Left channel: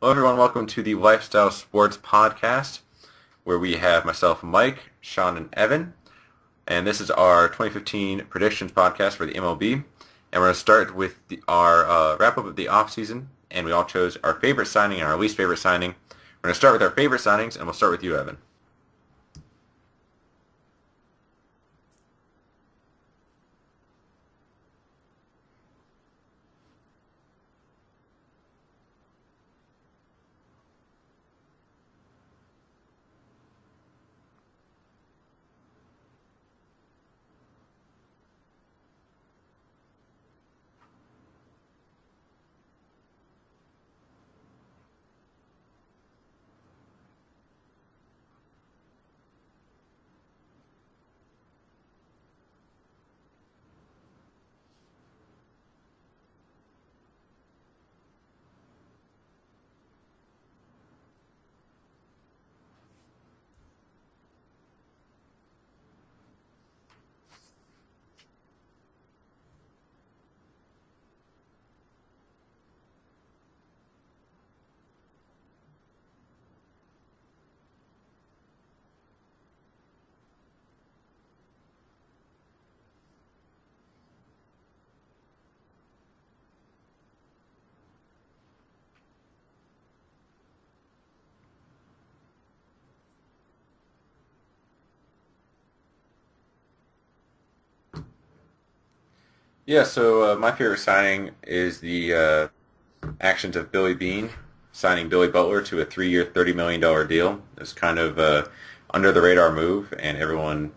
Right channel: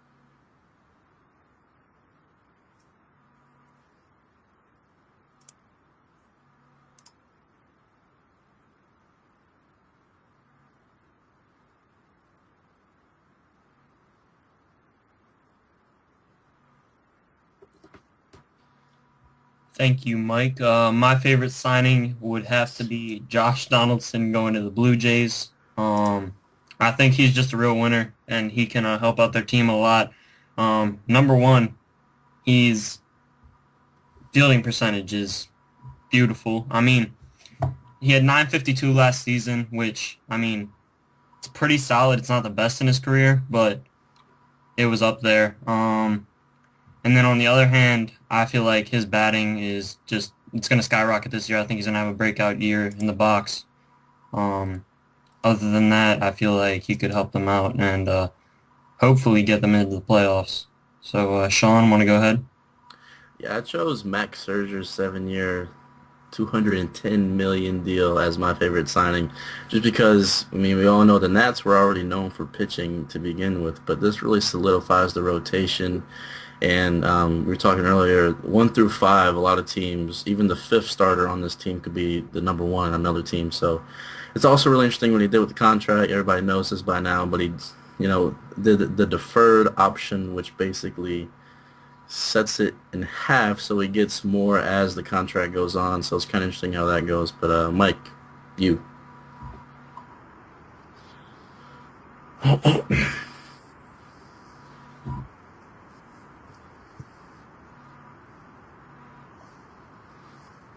Hello everyone, welcome to the Lifestyle Sports Podcast, where we have myself, Mike, Shawn, and Evan. And this is our 2015 Predictions Podcast for the MLB. And we're going to start with our wrap-up of the offseason. And we all chose our favorite signing and our least favorite signing. We're going to start with our favorite signings, and we'll start with you, Evan. Thank you, Mike. My favorite signing would have to be Josh Donaldson going to the Blue Jays. I think he's just a real winner, and he can help out their team a lot. Number one, his fielding percentage is beautiful. I mean, he had .952 last season, which, I mean, it's pretty solid. It's not the best in his career, but it was up there. And then on the other hand, I feel like his batting is just, it's going to skyrocket this year. I think he's going to have a breakout year in the box. Other than that, I feel like he could help them out and hopefully get them into the playoffs. So, Shawn, want to go ahead? Yeah, I chose Max Scherzer's 7-year, $210 million deal as my favorite signing, just because, I mean, we all know the Nats were already known for pitching to begin with, but this really solidifies the rotation. And we were talking earlier, 1 through 5, a lot of teams, even the 5th starter on this team could be the number 1 on another team. So it's also really interesting what he did with the contract. Everybody knows this by now, but he, did the deferred option, which basically sets it in half, so he gets more as the contract goes on. So it's kind of interesting how that goes. But Mike, you. Yeah, so my favorite signing is the actions of Billy Beane, signing Billy Butler to a 3-year, $30 million deal. It's kind of under the radar move, and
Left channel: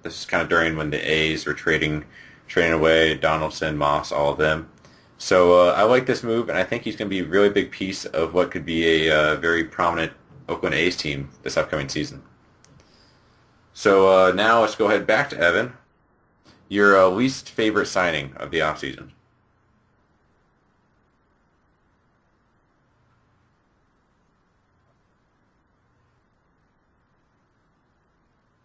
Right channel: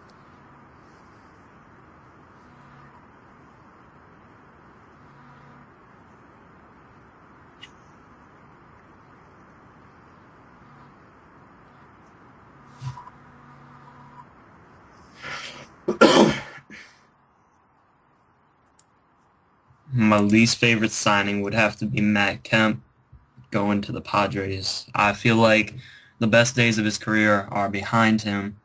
this is kind of during when the A's were trading away Donaldson, Moss, all of them. So I like this move, and I think he's going to be a really big piece of what could be a very prominent Oakland A's team this upcoming season. So now let's go ahead back to Evan. Your least favorite signing of the offseason. My least favorite signing would have to be Matt Kemp going to the Padres. I feel like the best days of his career are behind him.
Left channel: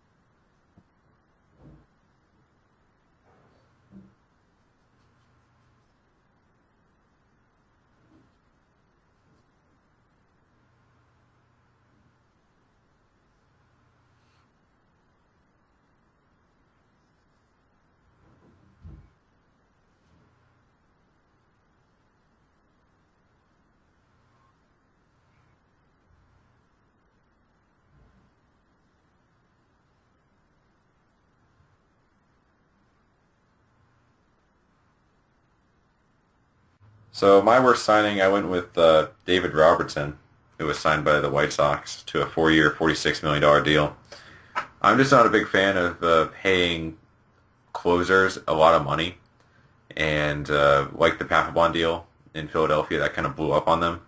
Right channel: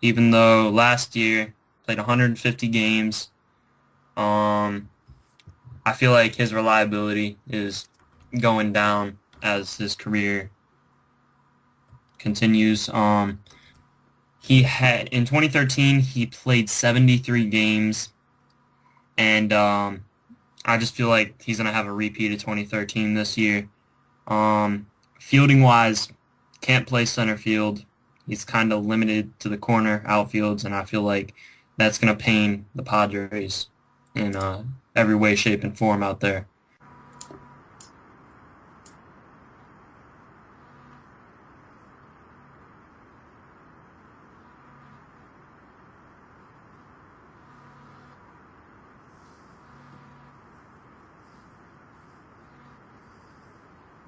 Even though last year played 150 games, I feel like his reliability is going down as his career continues. He had, in 2013, he played 73 games, and I just feel like he's going to have a repeat of 2013 this year. Fielding-wise, can't play center field. He's kind of limited to the corner outfields, and I feel like that's going to pain the Padres in every way, shape, and form out there. So my worst signing, I went with David Robertson, who was signed by the White Sox to a 4-year, $46 million deal. I'm just not a big fan of paying closers a lot of money, and like the Papelbon deal in Philadelphia, that kind of blew up on them,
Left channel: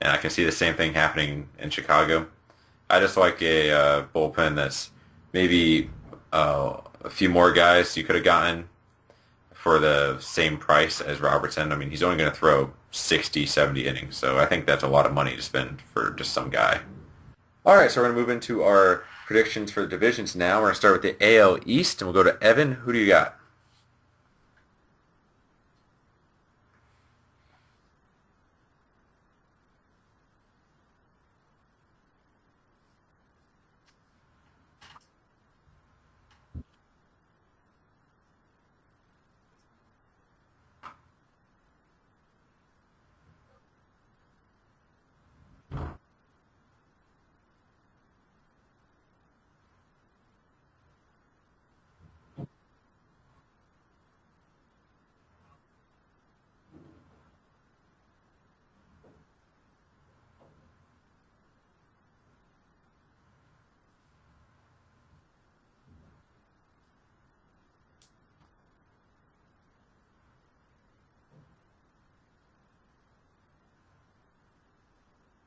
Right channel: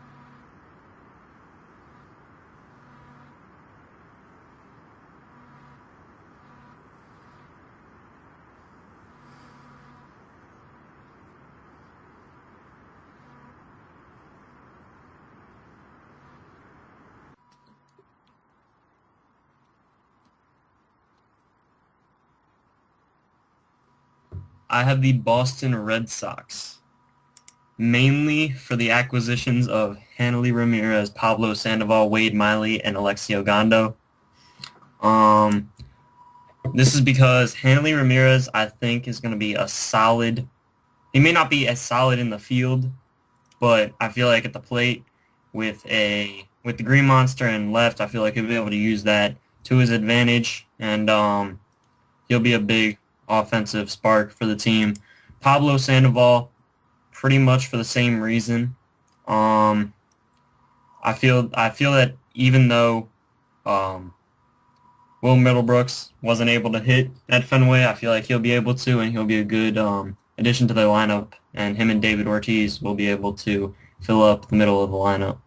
and I can see the same thing happening in Chicago. I just like a bullpen that's maybe a few more guys you could have gotten for the same price as Robertson. I mean, he's only going to throw 60, 70 innings, so I think that's a lot of money to spend for just some guy. All right, so we're going to move into our predictions for the divisions now. We're going to start with the AL East, and we'll go to Evan. Who do you got? I have the Boston Red Sox, mainly for the acquisitions of Hanley Ramirez, Pablo Sandoval, Wade Miley, and Alexi Ogando. This is because Hanley Ramirez, I think, is going to be a solid. He may not be as solid in the field, but I feel like at the plate with the Green Monster and left, I feel like he'll be able to use that to his advantage, and he'll be a big offensive spark for the team. Pablo Sandoval, pretty much for the same reason. I feel that even though Will Middlebrooks wasn't able to hit at Fenway, I feel like he'll be able to, and he'll be a good addition to the lineup, and him and David Ortiz will be able to fill up the middle of the lineup.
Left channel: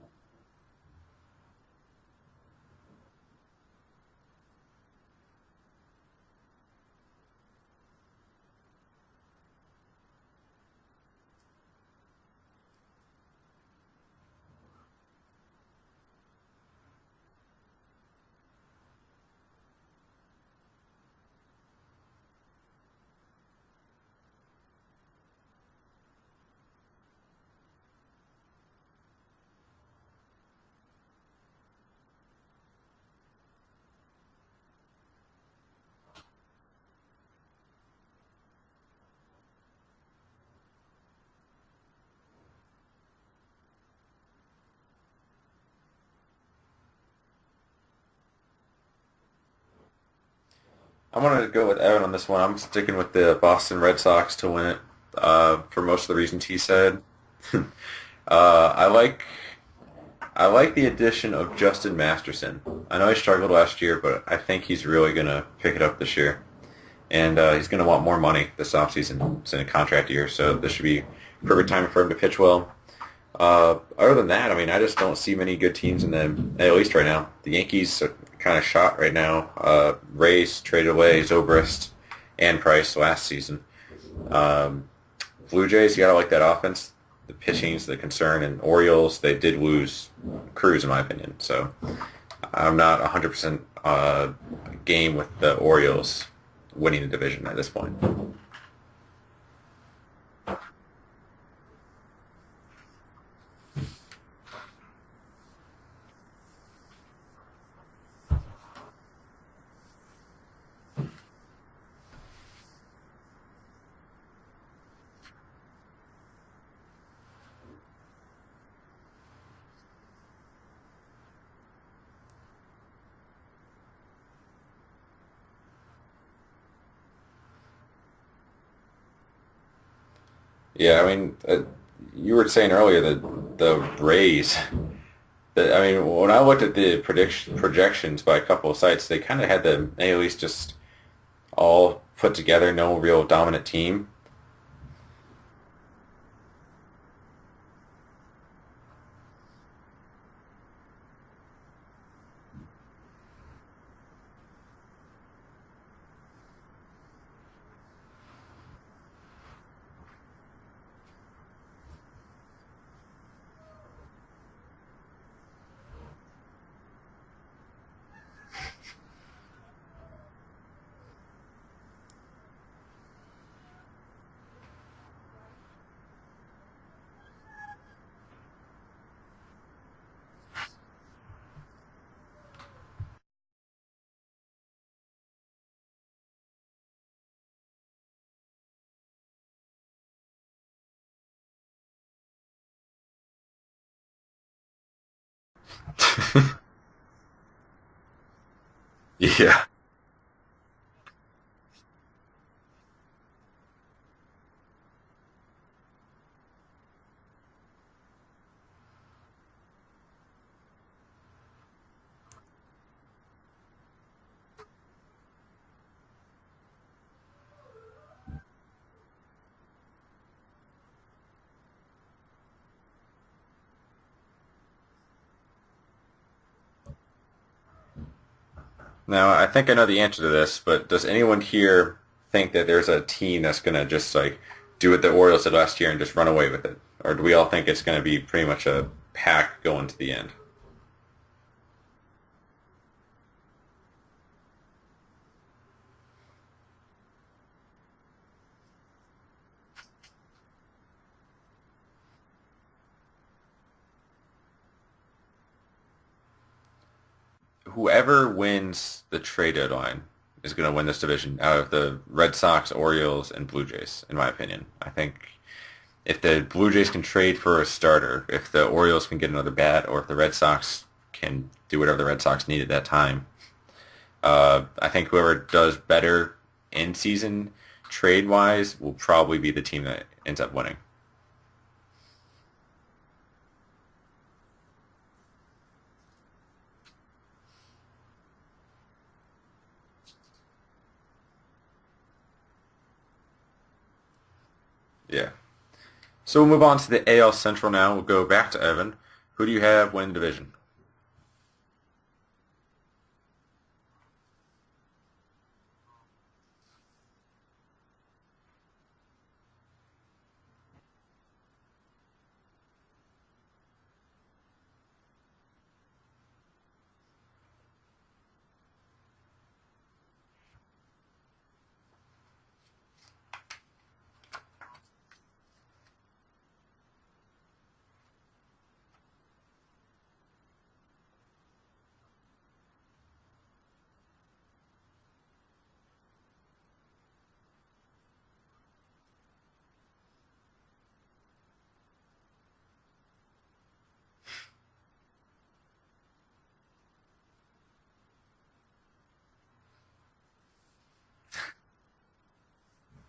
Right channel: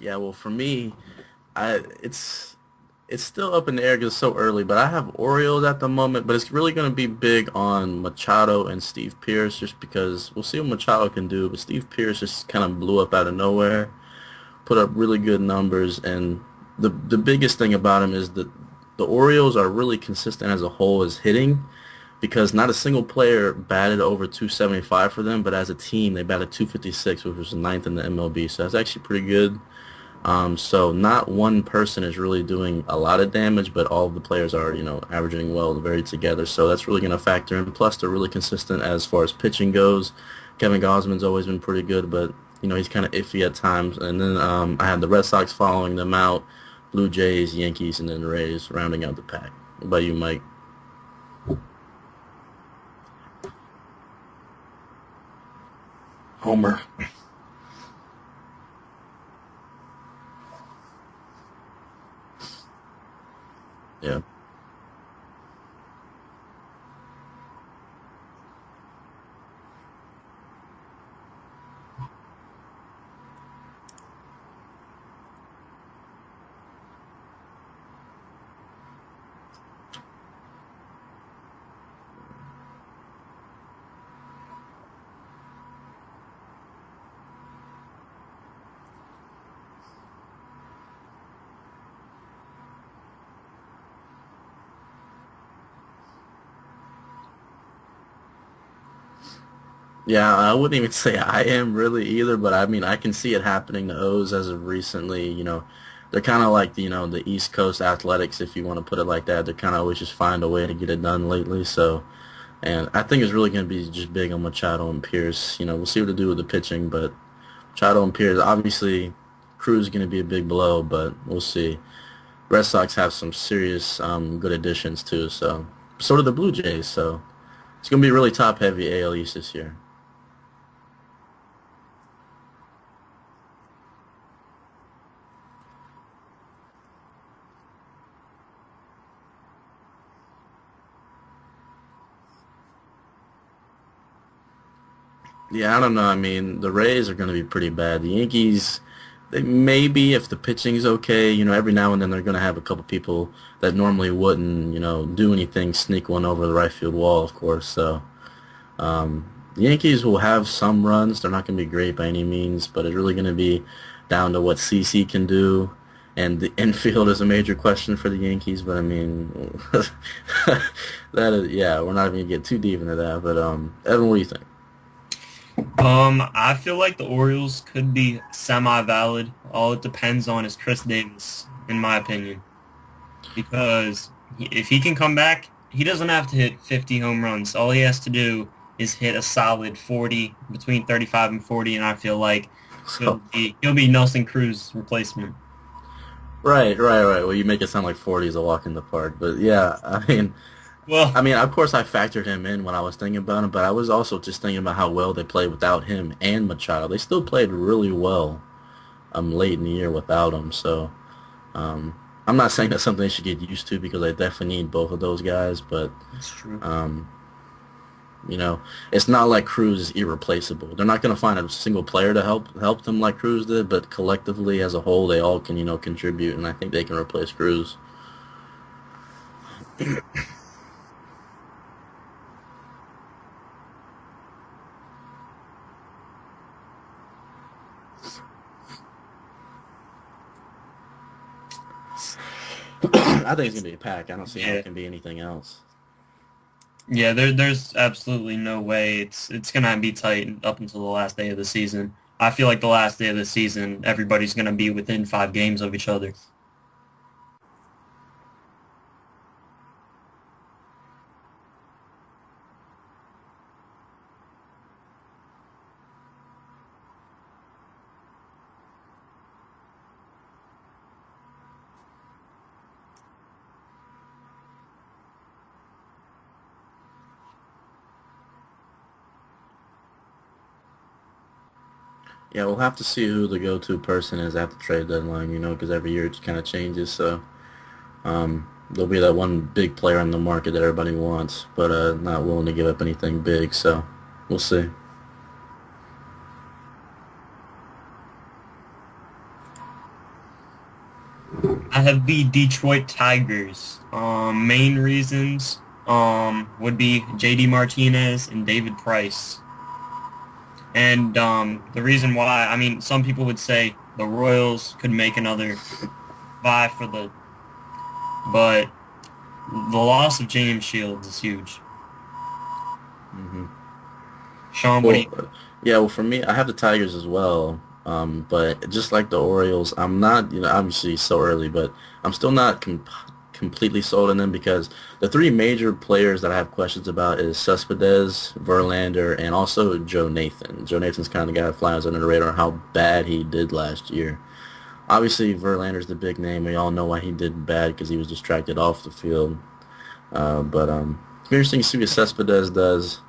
Yeah, well, for me, it's still up in the air because it's so early, but I have Orioles at the moment, but it's really going to be big on Machado and Steve Pearce just because we'll see what Machado can do, but Steve Pearce just kind of blew up out of nowhere, put up really good numbers, and the biggest thing about him is that the Orioles are really consistent as a whole as hitting, because not a single player batted over 275 for them, but as a team, they batted 256, which was ninth in the MLB. So that's actually pretty good. So not one person is really doing a lot of damage, but all of the players are, averaging well, very together. So that's really going to factor in. Plus, they're really consistent as far as pitching goes. Kevin Gausman's always been pretty good, but, he's kind of iffy at times. And then I had the Red Sox following them out, Blue Jays, Yankees, and then the Rays rounding out the pack. What about you, Mike? I'm going to go with Evan on this one. I'm sticking with the Boston Red Sox to win it for most of the reasons he said. I like the addition of Justin Masterson. I know he struggled last year, but I think he's really going to pick it up this year. And he's going to want more money this offseason. It's in a contract year, so this should be perfect time for him to pitch well. Other than that, I just don't see many good teams in the AL East right now. The Yankees are kind of shot right now. Rays traded away Zobrist and Price last season. Blue Jays, you got to like that offense. The pitching's the concern, and Orioles, they did lose Cruz, in my opinion. So I'm not 100% game with the Orioles winning the division at this point. Yeah, I wouldn't even say I am really either, but I can see it happening to O's as of recently. They're kind of like the East Coast Athletics, if you want to put it like that. They're kind of always just find a way to get it done lately. So, and I think it's really going to be just big on Machado and Pierce. We'll see what to do with the pitching, but Machado and Pierce, obviously, Cruz is going to be a big blow, but we'll see. Red Sox have some serious good additions too. So do the Blue Jays. So it's going to be really top-heavy AL East this year. Yeah, you were saying earlier that the Rays. When I looked at the projections by a couple of sites, they kind of had the AL East just all put together, no real dominant team. Yeah, I don't know. The Rays are going to be pretty bad. The Yankees, they maybe, if the pitching's okay, every now and then they're going to have a couple people that normally wouldn't, do anything, sneak one over the right field wall, of course. So the Yankees will have some runs. They're not going to be great by any means, but it's really going to be down to what CC can do. And the infield is a major question for the Yankees, but that is, we're not even going to get too deep into that. But Evan, what do you think? I feel like the Orioles could be semi-valid. All it depends on is Chris Davis, in my opinion. Because if he can come back, he doesn't have to hit 50 home runs. All he has to do is hit a solid 40, between 35 and 40, and I feel like he'll be Nelson Cruz's replacement. Right. Well, you make it sound like 40 is a walk in the park. But yeah, of course I factored him in when I was thinking about him, but I was also just thinking about how well they played without him and Machado. They still played really well late in the year without him. So I'm not saying that's something they should get used to because they definitely need both of those guys, but that's true. It's not like Cruz is irreplaceable. They're not going to find a single player to help them like Cruz did, but collectively as a whole, they all can, contribute, and I think they can replace Cruz. Now, I think I know the answer to this, but does anyone here think that there's a team that's going to just, do what the Orioles did last year and just run away with it? Or do we all think it's going to be pretty much a pack going to the end? I think it's going to be a pack. I don't see how it can be anything else. Yeah, there's absolutely no way it's going to be tight up until the last day of the season. I feel like the last day of the season, everybody's going to be within 5 games of each other. Whoever wins the trade deadline is going to win this division out of the Red Sox, Orioles, and Blue Jays, in my opinion. I think if the Blue Jays can trade for a starter, if the Orioles can get another bat, or if the Red Sox can do whatever the Red Sox need at that time, I think whoever does better in season trade-wise will probably be the team that ends up winning. Yeah, we'll have to see who the go-to person is at the trade deadline, because every year it kind of changes. So there'll be that one big player in the market that everybody wants, but not willing to give up anything big. So we'll see. Yeah. So we'll move on to the AL Central now. We'll go back to Evan. Who do you have win division? I have the Detroit Tigers. Main reasons would be J.D. Martinez and David Price. And the reason why, some people would say the Royals could make another vie for but the loss of James Shields is huge. Mm-hmm. Shawn, what do you? Yeah, well, for me, I have the Tigers as well. But just like the Orioles, I'm not, obviously so early, but I'm still not completely sold on them because the three major players that I have questions about is Cespedes, Verlander, and also Joe Nathan. Joe Nathan's kind of the guy that flies under the radar how bad he did last year. Obviously, Verlander's the big name. We all know why he did bad because he was distracted off the field. But it's interesting to see what Cespedes does.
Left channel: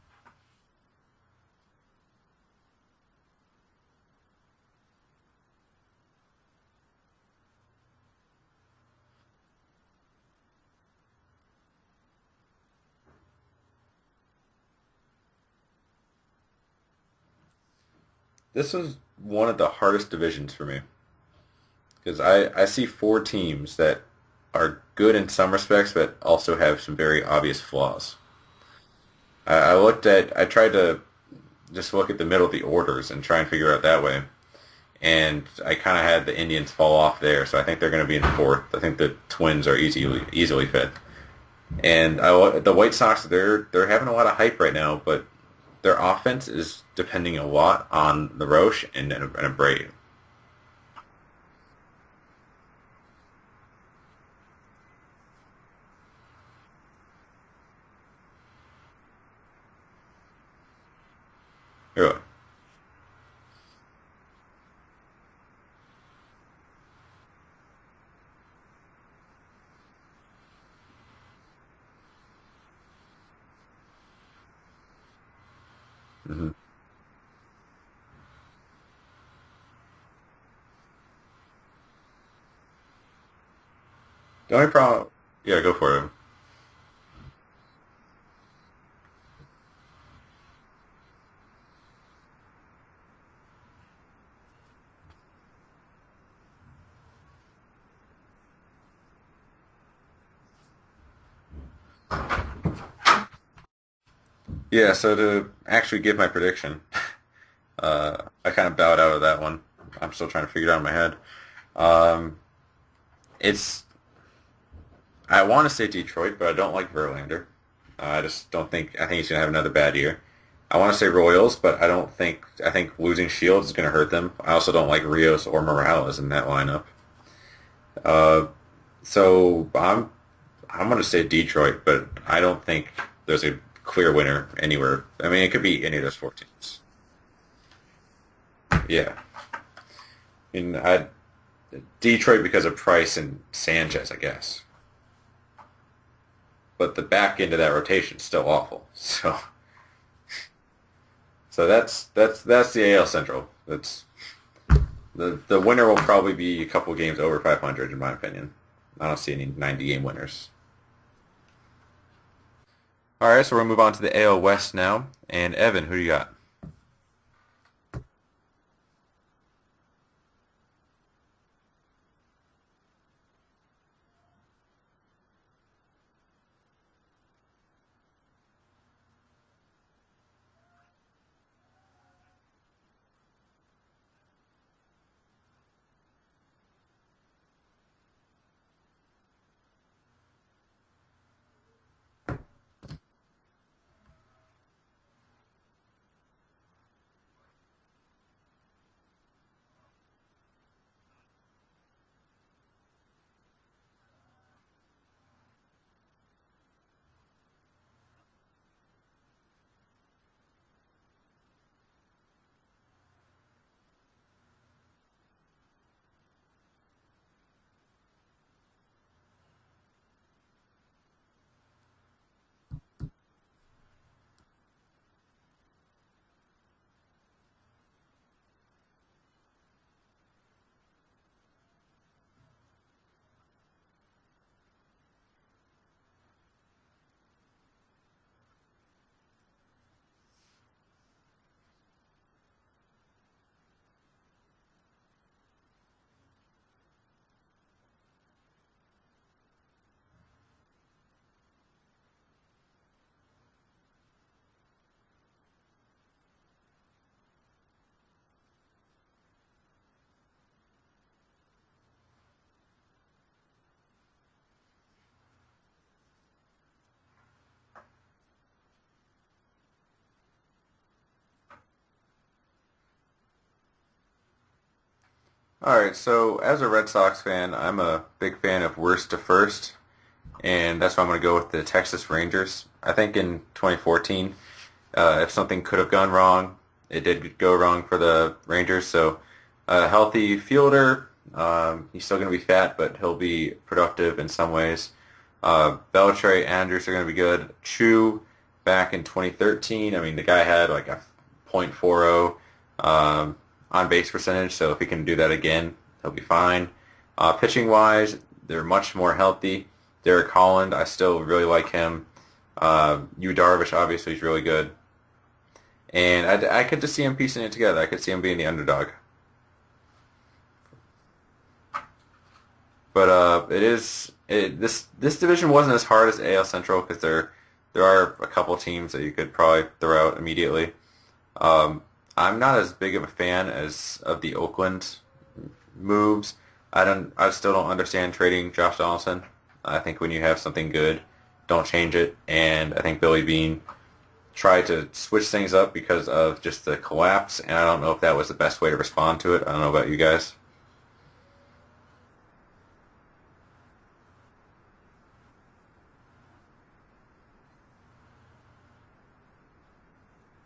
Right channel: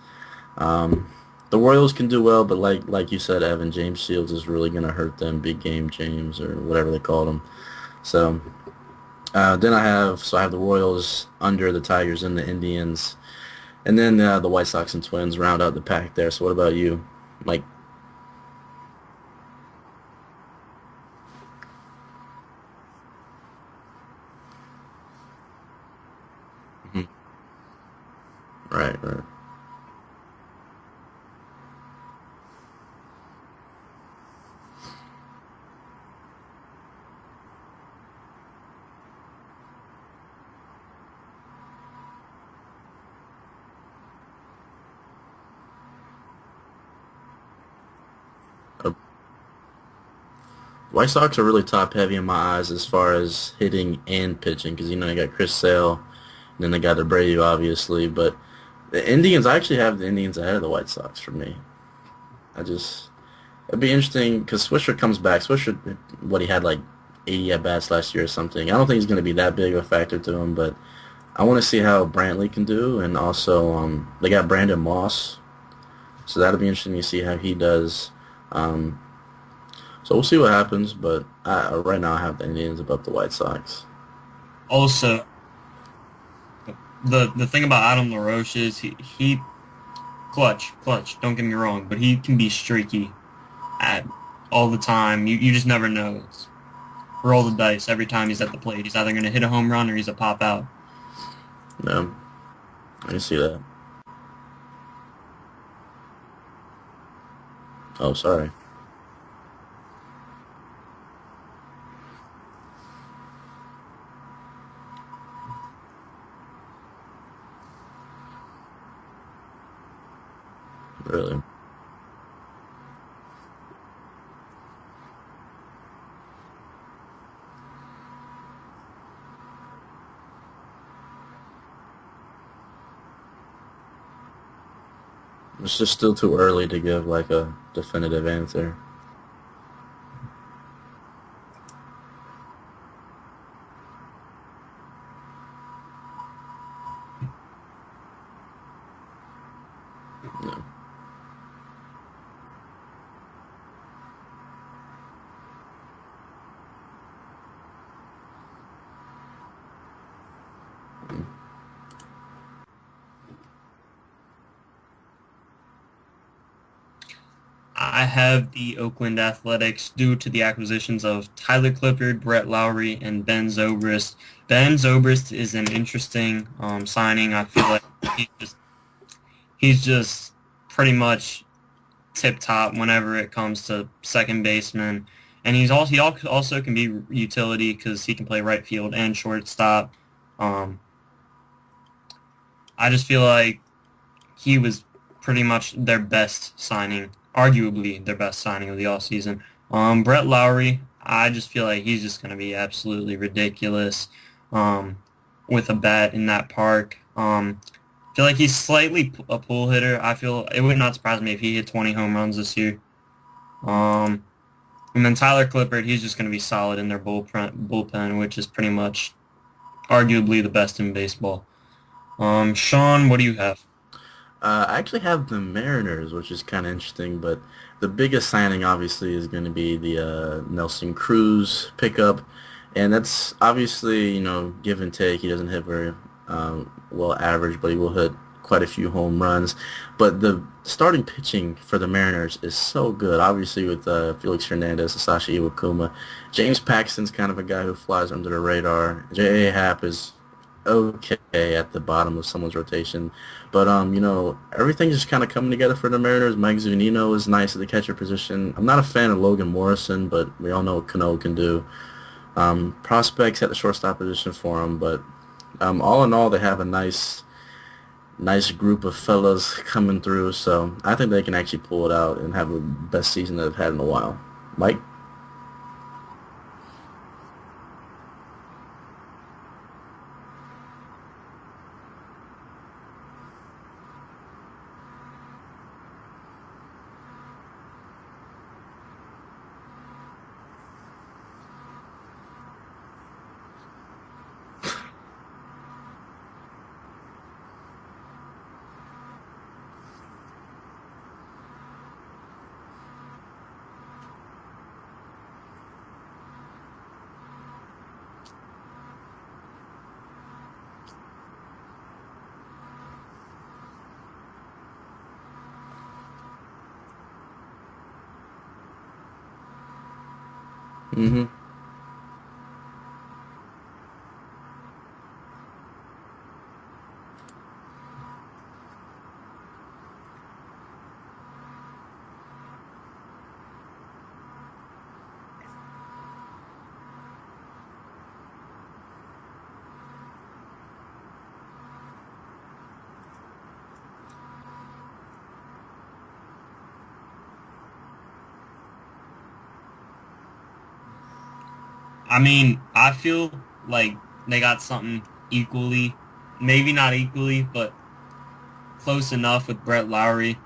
The Royals can do well, but like you said, Evan, James Shields is really going to hurt them, big game James or whatever they called him. So then I have the Royals under the Tigers and the Indians, and then the White Sox and Twins round out the pack there. So what about you, Mike? This is one of the hardest divisions for me because I see four teams that are good in some respects, but also have some very obvious flaws. Right. I tried to just look at the middle of the orders and try and figure it out that way. And I kind of had the Indians fall off there, so I think they're going to be in fourth. I think the Twins are easily fifth. And the White Sox, they're having a lot of hype right now, but their offense is depending a lot on the Roche and a Brave. White Sox are really top-heavy in my eyes as far as hitting and pitching because, they got Chris Sale, and then they got the Brave, obviously. But the Indians, I actually have the Indians ahead of the White Sox for me. Really? It'd be interesting because Swisher comes back. Swisher, he had like 80 at-bats last year or something. I don't think he's going to be that big of a factor to him, but I want to see how Brantley can do. And also, they got Brandon Moss, so that'll be interesting to see how he does. So we'll see what happens, but right now I have the Indians above the White Sox. Also, yeah, go for it. The thing about Adam LaRoche is he clutch. Don't get me wrong, but he can be streaky all the time. You just never know. Roll the dice every time he's at the plate. He's either going to hit a home run or he's a pop out. No, I see that. Yeah, so to actually give my prediction, sorry. I kind of bowed out of that one. I'm still trying to figure it out in my head. I want to say Detroit, but I don't like Verlander. I just don't think. I think he's going to have another bad year. I want to say Royals, but I think losing Shields is going to hurt them. I also don't like Rios or Morales in that lineup. So I'm going to say Detroit, but I don't think there's a clear winner anywhere. I mean, it could be. It's just still too early to give like a definitive answer. Yeah. I mean, Detroit because of Price and Sanchez, I guess. But the back end of that rotation is still awful. So, so that's the AL Central. That's the winner will probably be a couple games over 500 in my opinion. I don't see any 90-game winners. All right, so we're gonna move on to the AL West now. And Evan, who do you got? I have the Oakland Athletics due to the acquisitions of Tyler Clippard, Brett Lowry, and Ben Zobrist. Ben Zobrist is an interesting signing. I feel like he's just pretty much tip-top whenever it comes to second baseman. And he also can be utility because he can play right field and shortstop. I just feel like he was pretty much their best signing, arguably their best signing of the offseason. Brett Lowry, I just feel like he's just going to be absolutely ridiculous with a bat in that park. I feel like he's slightly a pull hitter. I feel it would not surprise me if he hit 20 home runs this year. And then Tyler Clippard, he's just going to be solid in their bullpen, which is pretty much arguably the best in baseball. Shawn, what do you have? I actually have the Mariners, which is kind of interesting, but the biggest signing obviously is going to be the Nelson Cruz pickup, and that's obviously, give and take. He doesn't hit very well average, but he will hit quite a few home runs. But the starting pitching for the Mariners is so good, obviously with Felix Hernandez, Sashi Iwakuma. James Paxton's kind of a guy who flies under the radar. J.A. Happ is okay at the bottom of someone's rotation. But, everything's just kind of coming together for the Mariners. Mike Zunino is nice at the catcher position. I'm not a fan of Logan Morrison, but we all know what Cano can do. Prospects at the shortstop position for him, but all in all, they have a nice nice group of fellas coming through. So I think they can actually pull it out and have the best season they've had in a while. Mike? All right, so as a Red Sox fan, I'm a big fan of worst to first, and that's why I'm going to go with the Texas Rangers. I think in 2014, if something could have gone wrong, it did go wrong for the Rangers. So a healthy fielder, he's still going to be fat, but he'll be productive in some ways. Beltre, Andrews are going to be good. Chu, back in 2013, I mean, the guy had like a .40 on-base percentage, so if he can do that again, he'll be fine. Pitching-wise, they're much more healthy. Derek Holland, I still really like him. Yu Darvish, obviously, is really good. And I could just see him piecing it together. I could see him being the underdog. Mm-hmm. But this division wasn't as hard as AL Central because there are a couple teams that you could probably throw out immediately. I'm not as big of a fan of the Oakland moves. I still don't understand trading Josh Donaldson. I think when you have something good, don't change it. And I think Billy Beane tried to switch things up because of just the collapse, and I don't know if that was the best way to respond to it. I don't know about you guys. I mean, I feel like they got something equally, maybe not equally, but close enough with Brett Lowry.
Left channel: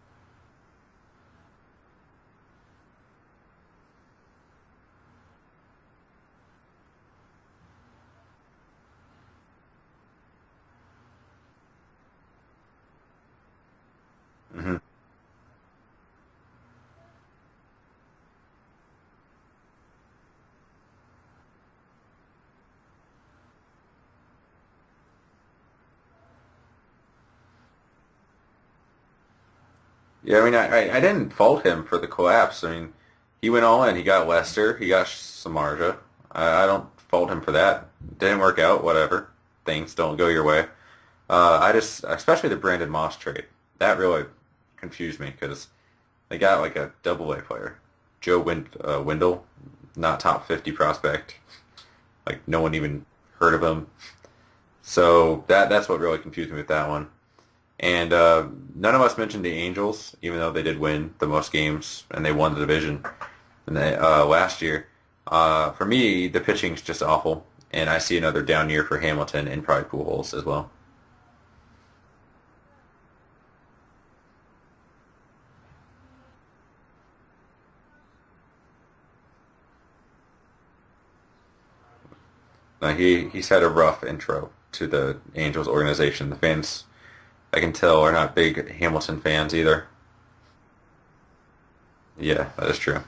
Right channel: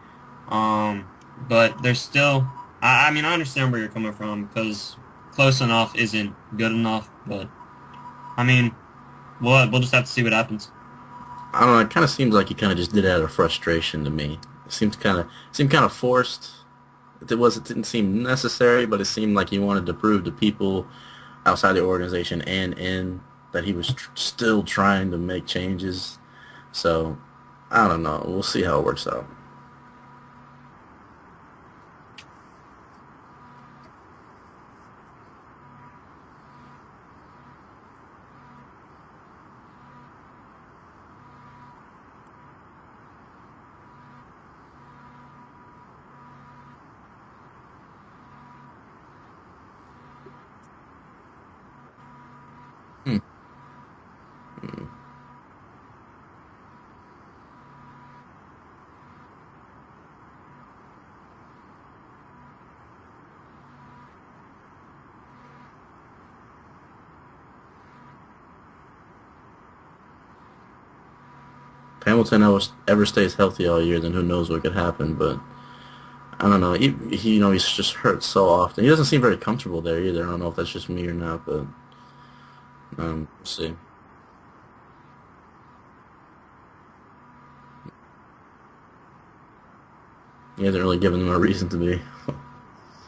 But there's still, I mean, I understand where you're coming from because close enough isn't good enough. But I mean, we'll just have to see what happens. I don't know. It kind of seems like he kind of just did it out of frustration to me. Mm-hmm. It seemed kind of forced. It didn't seem necessary, but it seemed like he wanted to prove to people outside the organization and in that he was still trying to make changes. So I don't know. We'll see how it works out. Yeah, I mean, I didn't fault him for the collapse. I mean, he went all in. He got Lester. He got Samardzija. I don't fault him for that. Didn't work out. Whatever. Things don't go your way. Especially the Brandon Moss trade, that really confused me because they got like a double-A player, Joe Wendell, not top 50 prospect, like no one even heard of him. So that's what really confused me with that one. And none of us mentioned the Angels, even though they did win the most games and they won the division last year. For me, the pitching's just awful, and I see another down year for Hamilton and probably Pujols as well. Hamilton ever stays healthy all year, then who knows what could happen. But I don't know. He he's just hurt so often. He doesn't seem very comfortable there either. I don't know if that's just me or not, but no, he's had a rough intro to the Angels organization. The fans, I can tell, are not big Hamilton fans either. He hasn't really given them a reason to be. Yeah, that is true.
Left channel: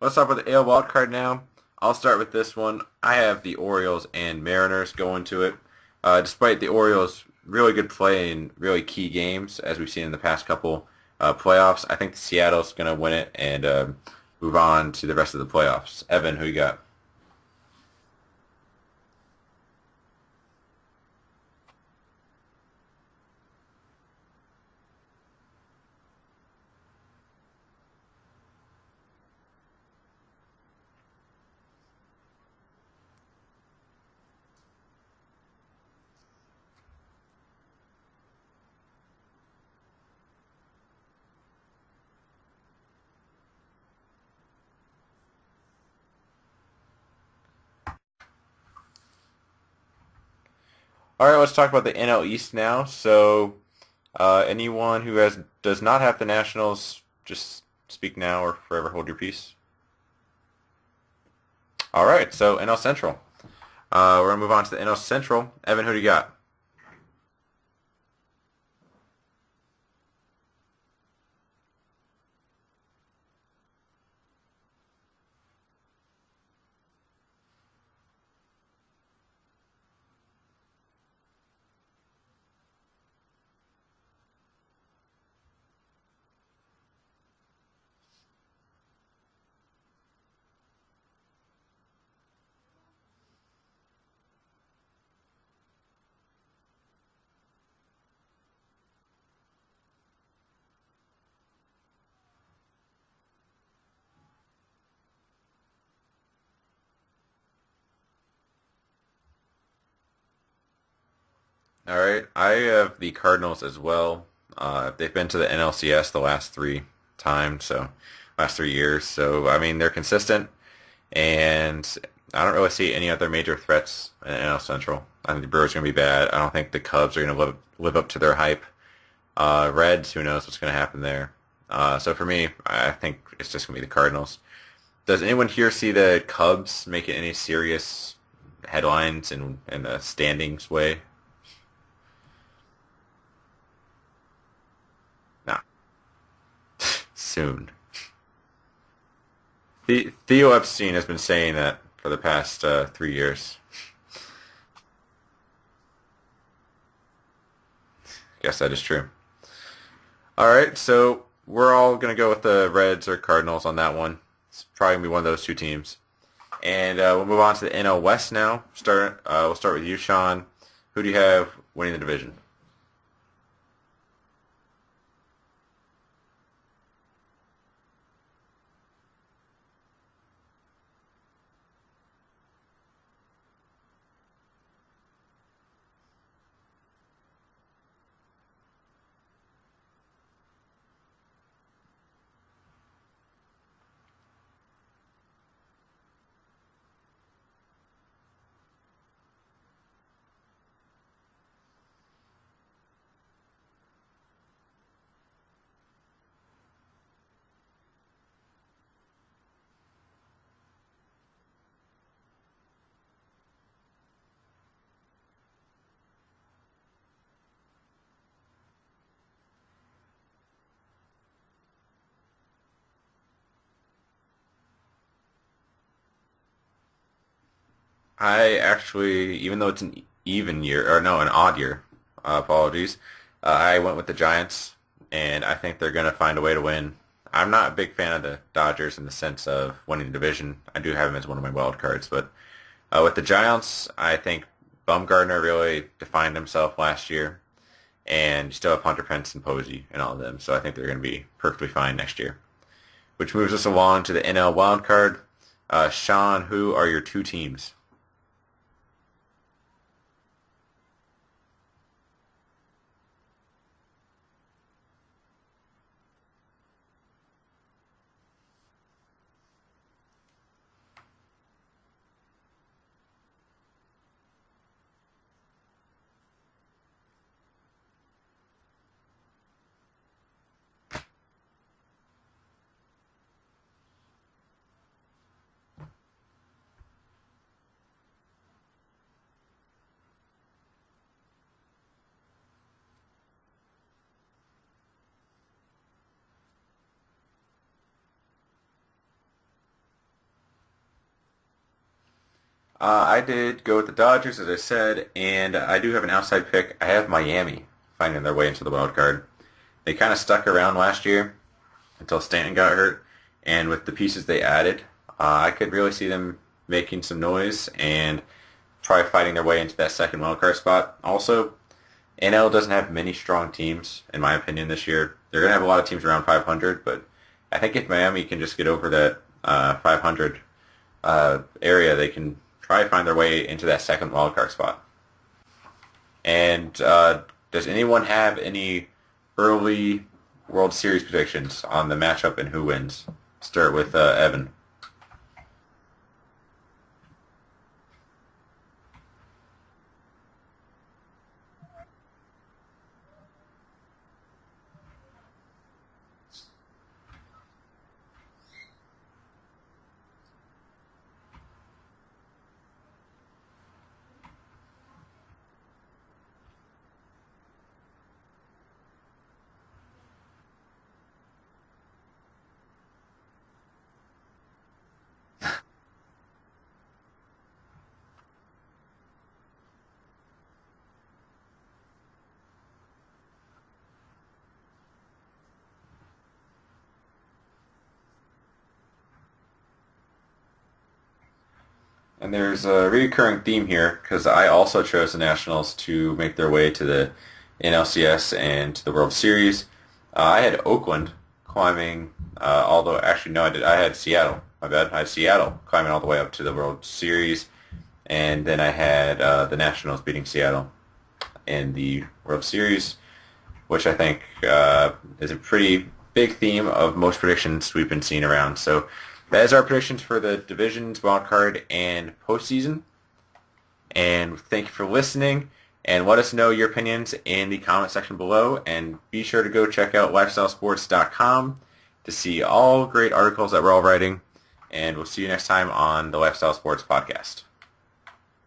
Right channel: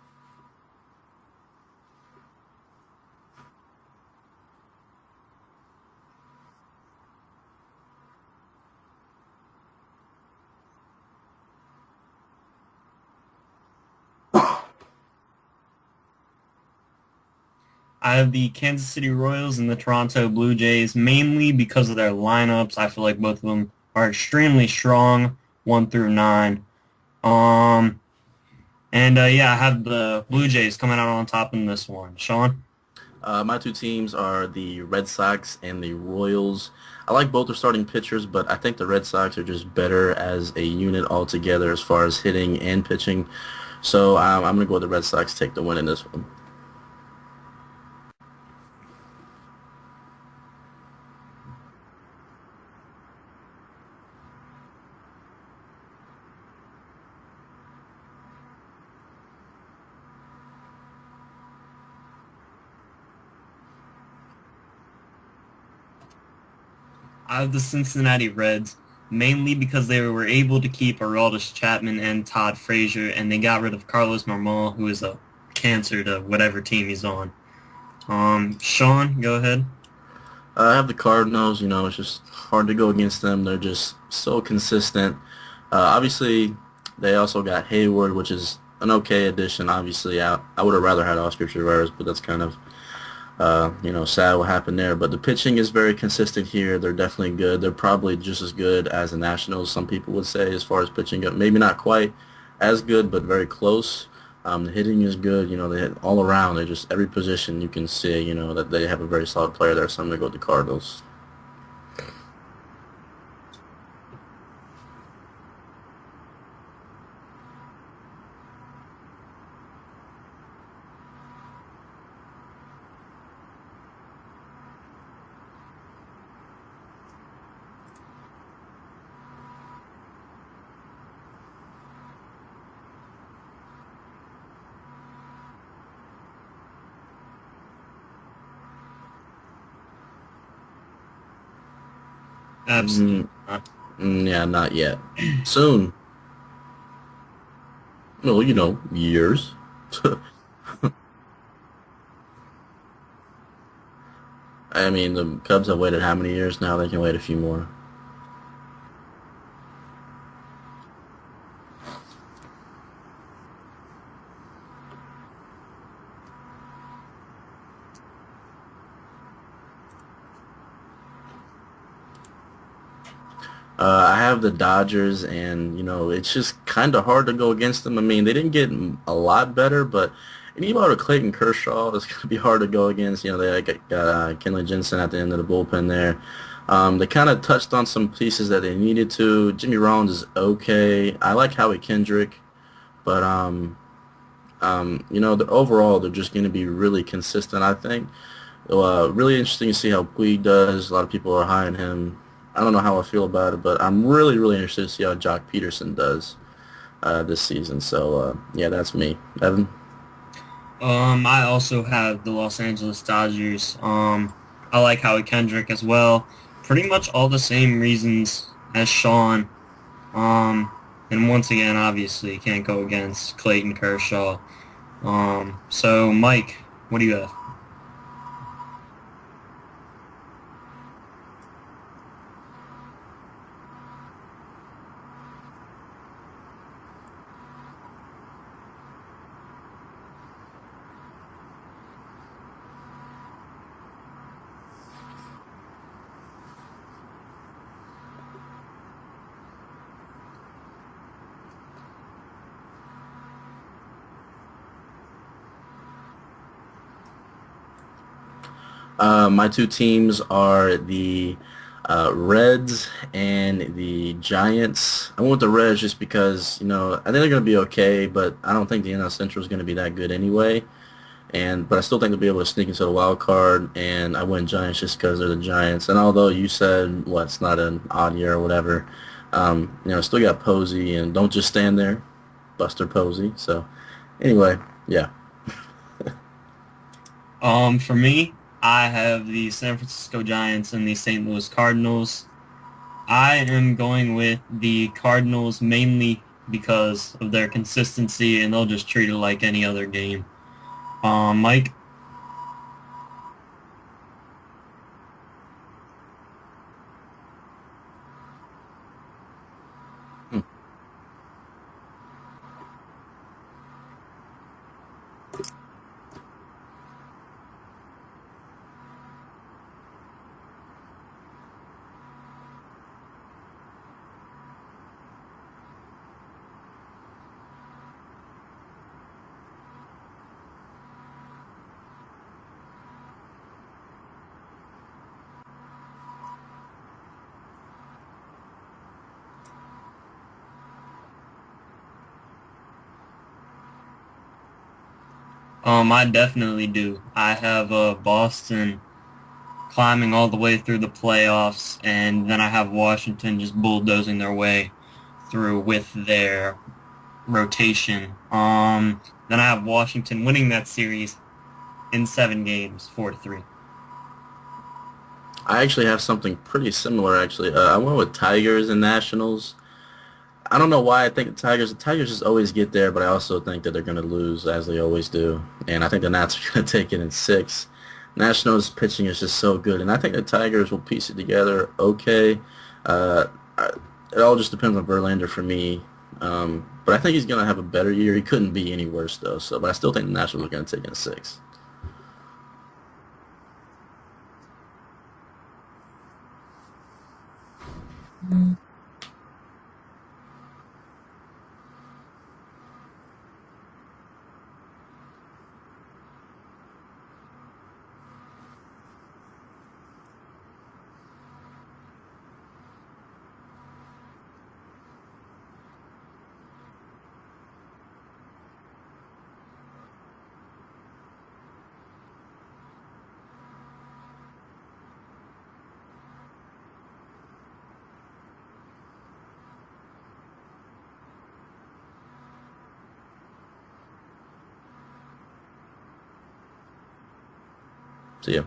Let's talk about the AL wildcard now. I'll start with this one. I have the Orioles and Mariners going to it. Despite the Orioles' really good play in really key games, as we've seen in the past couple playoffs, I think Seattle's going to win it and move on to the rest of the playoffs. Evan, who you got? I have the Kansas City Royals and the Toronto Blue Jays, mainly because of their lineups. I feel like both of them are extremely strong, 1 through 9. I have the Blue Jays coming out on top in this one. Shawn? My two teams are the Red Sox and the Royals. I like both their starting pitchers, but I think the Red Sox are just better as a unit altogether as far as hitting and pitching. So I'm going to go with the Red Sox, take the win in this one. All right, let's talk about the NL East now. So anyone who does not have the Nationals, just speak now or forever hold your peace. All right, so NL Central. We're going to move on to the NL Central. Evan, who do you got? I have the Cincinnati Reds, mainly because they were able to keep Aroldis Chapman and Todd Frazier, and they got rid of Carlos Marmol, who is a cancer to whatever team he's on. Shawn, go ahead. I have the Cardinals. It's just hard to go against them. They're just so consistent. Obviously, they also got Hayward, which is an okay addition. Obviously, I would have rather had Oscar Taveras, but that's kind of, sad what happened there. But the pitching is very consistent here. They're definitely good. They're probably just as good as the Nationals, some people would say, as far as pitching goes. Maybe not quite as good, but very close. The hitting is good. They hit all around. They just, every position you can see, that they have a very solid player there. So I'm going to go with the Cardinals. All right. I have the Cardinals as well. They've been to the NLCS the last three times, so last 3 years. So, I mean, they're consistent, and I don't really see any other major threats in NL Central. I think the Brewers are going to be bad. I don't think the Cubs are going to live up to their hype. Reds, who knows what's going to happen there. So for me, I think it's just going to be the Cardinals. Does anyone here see the Cubs making any serious headlines in the standings way? Absolutely. Yeah, not yet. No. Soon. Soon. Well, years. Theo Epstein has been saying that for the past 3 years. I mean, the Cubs have waited how many years now? They can wait a few more. Yes, that is true. All right, so we're all going to go with the Reds or Cardinals on that one. It's probably going to be one of those two teams. And we'll move on to the NL West now. We'll start with you, Shawn. Who do you have winning the division? I have the Dodgers, and, it's just kind of hard to go against them. I mean, they didn't get a lot better, but anybody with Clayton Kershaw is going to be hard to go against. They got Kenley Jensen at the end of the bullpen there. They kind of touched on some pieces that they needed to. Jimmy Rollins is okay. I like Howie Kendrick, but overall they're just going to be really consistent, I think. Really interesting to see how Puig does. A lot of people are high on him. I don't know how I feel about it, but I'm really, really interested to see how Jock Peterson does this season. So, yeah, that's me. Evan? I also have the Los Angeles Dodgers. I like Howie Kendrick as well. Pretty much all the same reasons as Shawn. And once again, obviously, can't go against Clayton Kershaw. So, Mike, what do you have? I actually, even though it's an odd year, apologies, I went with the Giants, and I think they're going to find a way to win. I'm not a big fan of the Dodgers in the sense of winning the division. I do have them as one of my wild cards, but with the Giants, I think Bumgarner really defined himself last year, and you still have Hunter Pence and Posey and all of them, so I think they're going to be perfectly fine next year. Which moves us along to the NL wild card. Shawn, who are your two teams? My two teams are the Reds and the Giants. I went with the Reds just because, I think they're going to be okay, but I don't think the NL Central is going to be that good anyway. But I still think they'll be able to sneak into the wild card, and I went Giants just because they're the Giants. And although you said, it's not an odd year or whatever, still got Posey, and don't just stand there, Buster Posey. So anyway, yeah. For me, I have the San Francisco Giants and the St. Louis Cardinals. I am going with the Cardinals mainly because of their consistency, and they'll just treat it like any other game. Mike? I did go with the Dodgers, as I said, and I do have an outside pick. I have Miami finding their way into the wild card. They kind of stuck around last year until Stanton got hurt, and with the pieces they added, I could really see them making some noise and try fighting their way into that second wildcard spot. Also, NL doesn't have many strong teams, in my opinion, this year. They're going to have a lot of teams around 500, but I think if Miami can just get over that 500 area, they can try to find their way into that second wildcard spot. And does anyone have any early World Series predictions on the matchup and who wins? Start with Evan. I definitely do. I have Boston climbing all the way through the playoffs, and then I have Washington just bulldozing their way through with their rotation. Then I have Washington winning that series in 7 games, 4-3. I actually have something pretty similar, actually. I went with Tigers and Nationals. I don't know why I think the Tigers just always get there, but I also think that they're going to lose, as they always do. And I think the Nats are going to take it in 6. Nationals pitching is just so good, and I think the Tigers will piece it together okay. It all just depends on Verlander for me. But I think he's going to have a better year. He couldn't be any worse, though. But I still think the Nationals are going to take it in 6. And there's a recurring theme here because I also chose the Nationals to make their way to the NLCS and to the World Series. I had Oakland climbing, although actually no, I had Seattle. My bad. I had Seattle climbing all the way up to the World Series, and then I had the Nationals beating Seattle. in the World Series, which I think is a pretty big theme of most predictions we've been seeing around. So that is our predictions for the divisions, wild card, and postseason. And thank you for listening. And let us know your opinions in the comment section below. And be sure to go check out lifestylesports.com to see all great articles that we're all writing. And we'll see you next time on the Lifestyle Sports Podcast. See ya.